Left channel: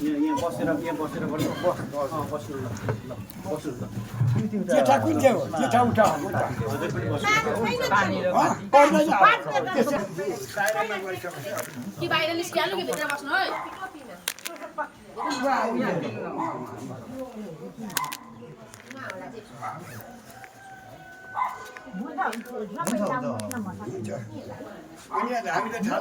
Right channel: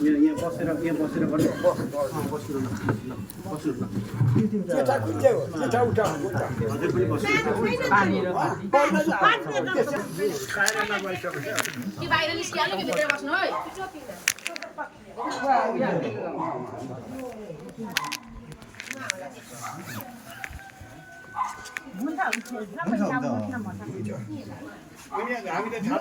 यहाँ बसेर गर्नु बस्नु ल बस्नु ल जेठा कुन चाहिँ हो जेठा उठा हजुर पनि बस्नु पानी र खाएर नगइसक्यो कि बाहिर निस्किहाल्नु कि भित्र बस्नु है अनि हामीले थाहा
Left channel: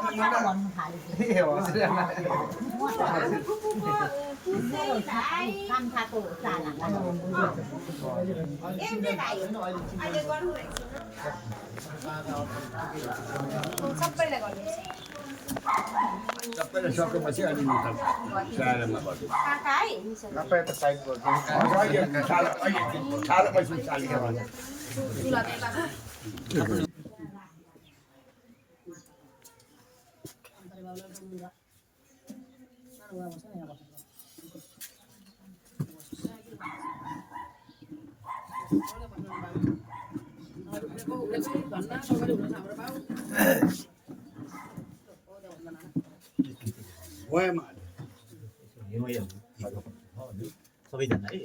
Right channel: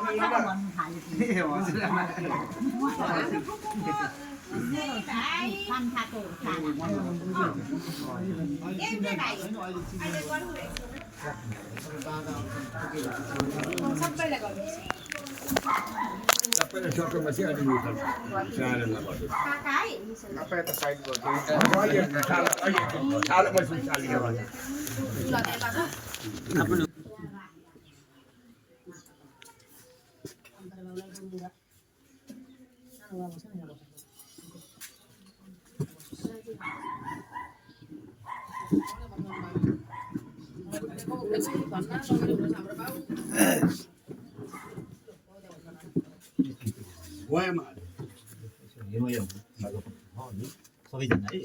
सबैले सकेपछि अलि निकाल्छ स्याहारमा गर्छु छालेपछि चालियो भने सबैजना है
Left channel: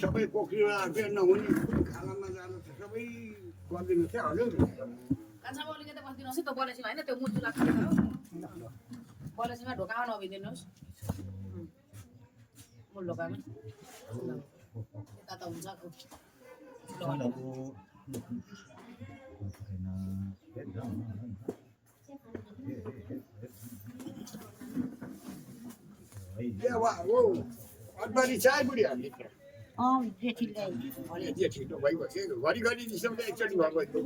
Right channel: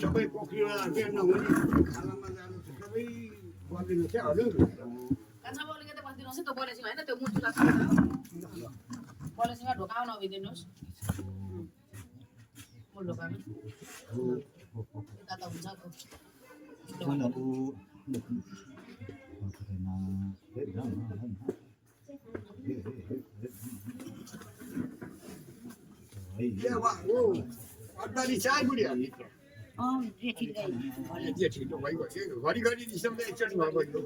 सबै पोखरीमा के नहुने खानामा जानु सबै गरिदिनु क्या हजुर कान्छामा अलिकति बसिदिनुहोस् है त्यो बलेसँग होइन त्यो मुजुलाई खानु बलेसँग ढोकामा नभिदिनुहोस् मूल ढोकामा यता त हुन्छ अठबारी चार बुढी हामी जेठी भइगयो घरिघरि निस्कँदा एकचोटि भएको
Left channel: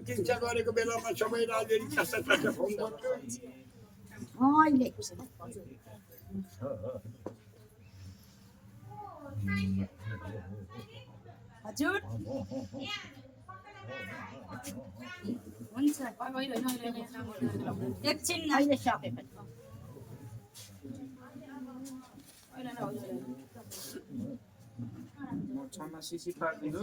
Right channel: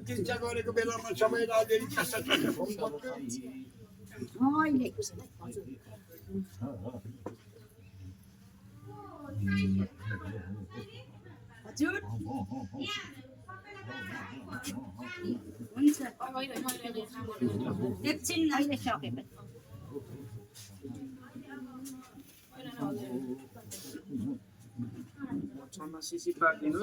चिन्ता गरेको बेलामा सबै राजनीति कस्ता कस्ता फोन हजुर एकछिन अहिले सकेको सिसी पार्दिनु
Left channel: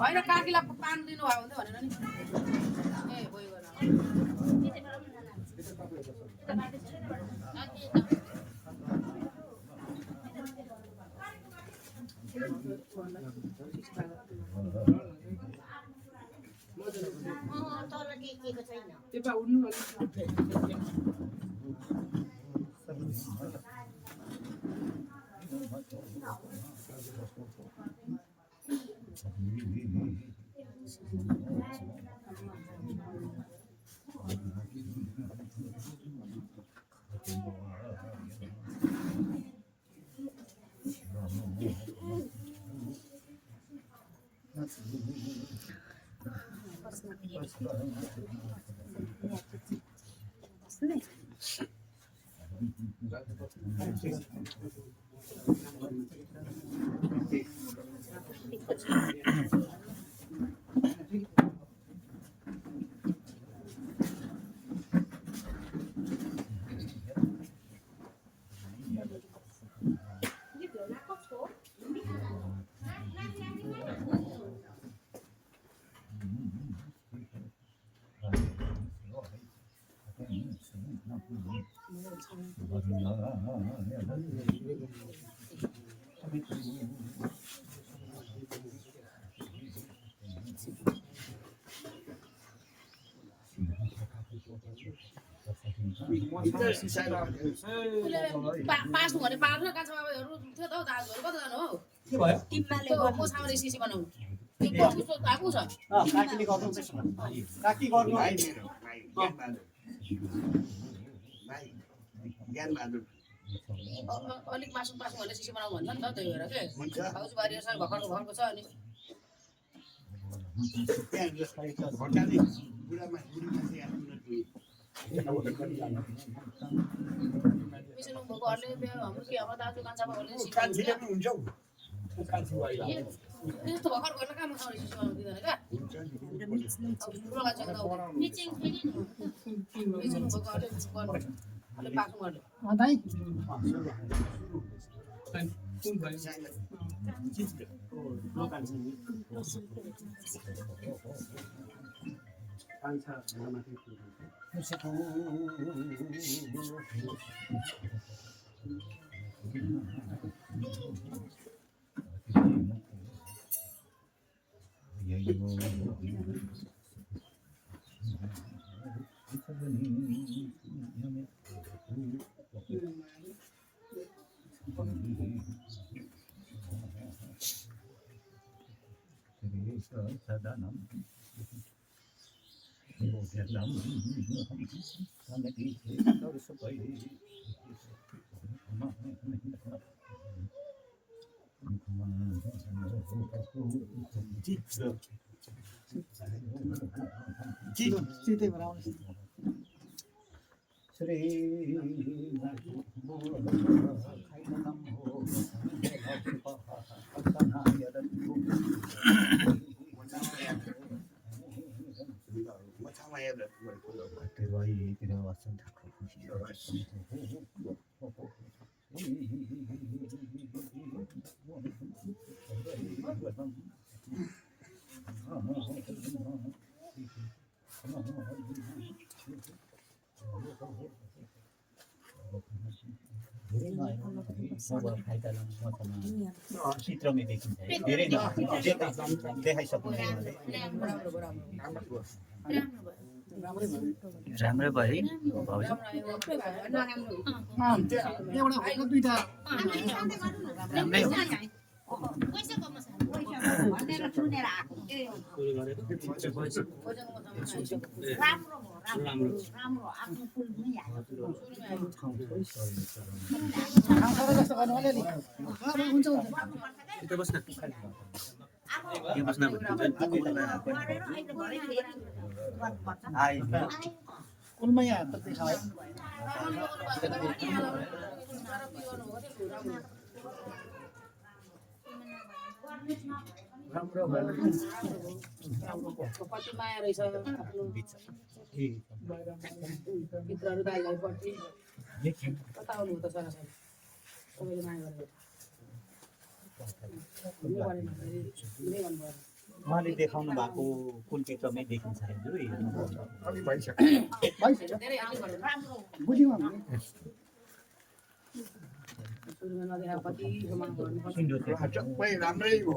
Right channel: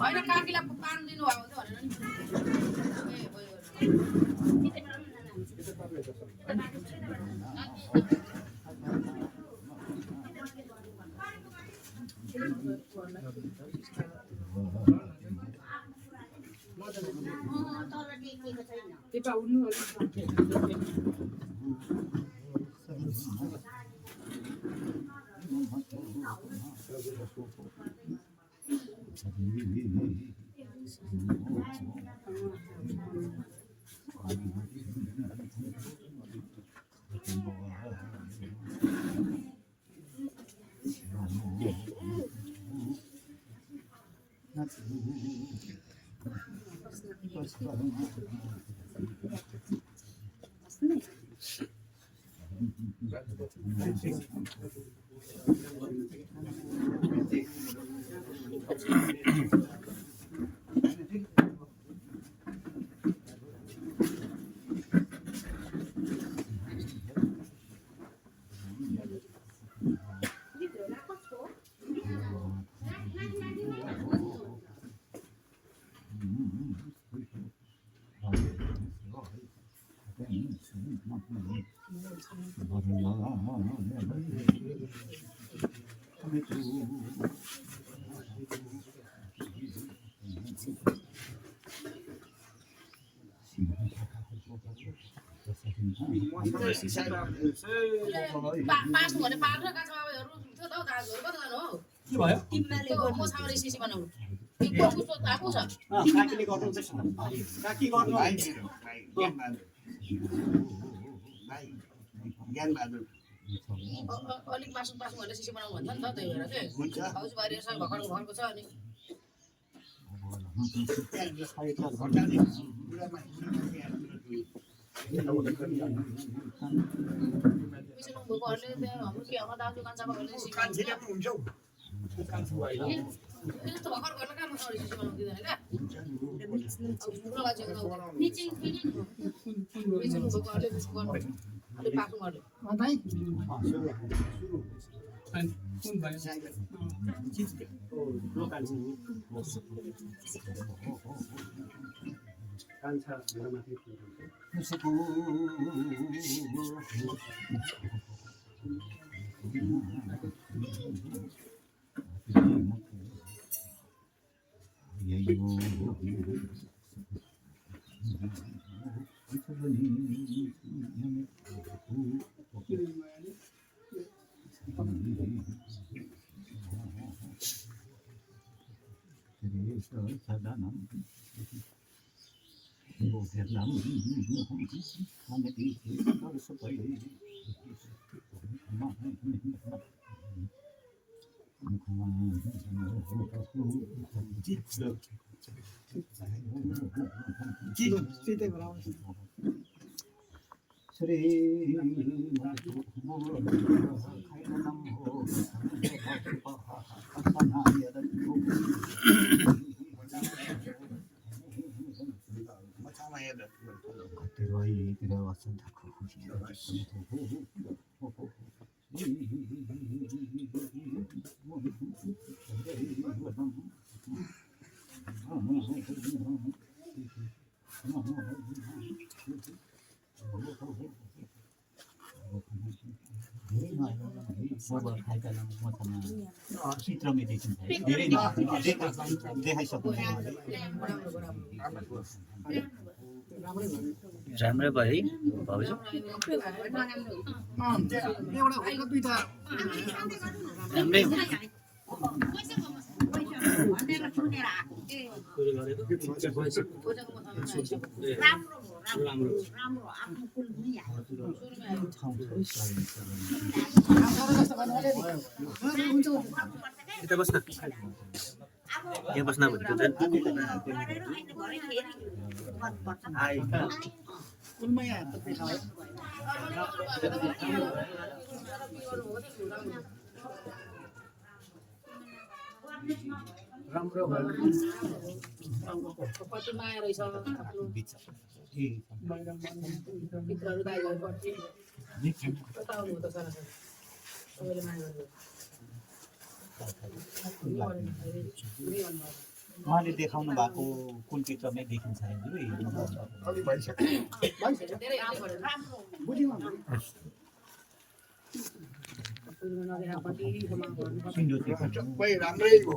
होइन काकीलाई पान दिनु भयो भनेर नि पास भने पार्नु कान्छाबाबुहरू थियो त हौ दाजुहरू कति जानु हो के भयो तिमीले कोसाउने सिसी बनाउनु कस्तो धाएको छ काकीले गर्नुहुन्छ काकी गर्नु अलिक मासु मासु भनेर सिसी बनाउनु भन्छ नि त त्यही भएर के हाउस बारीसँग भर्खरको भर्खरको छ अनि पिछलो भोगहरूले हाम्रो के हाम्रो दाजु कान्छामा भने त्यस्तो भर्खर गर्न काम सिसी बनाउनु दिँदैन क्या ठुलो गाछको त मिचिङ पिछलो भोगहरूले अलिक पाक्नु पर्ने लोकल कान्छा माथि चित्रमै देखिन्छ है धेरै देखाइसक्नु राम्रै भयो है भाउजू राम्रै हो यता बस्न यहाँ बस्न भन्नु राम्रो भयो कति माया रहेछ मित्रहरू दाइहरुप्रति बताउनु त छैन सबैले माया गरेको उहाँले देखाउनु भएको कुन चित्रमै देखिन्छ धेरै आम भनेर सबै राम्रै हो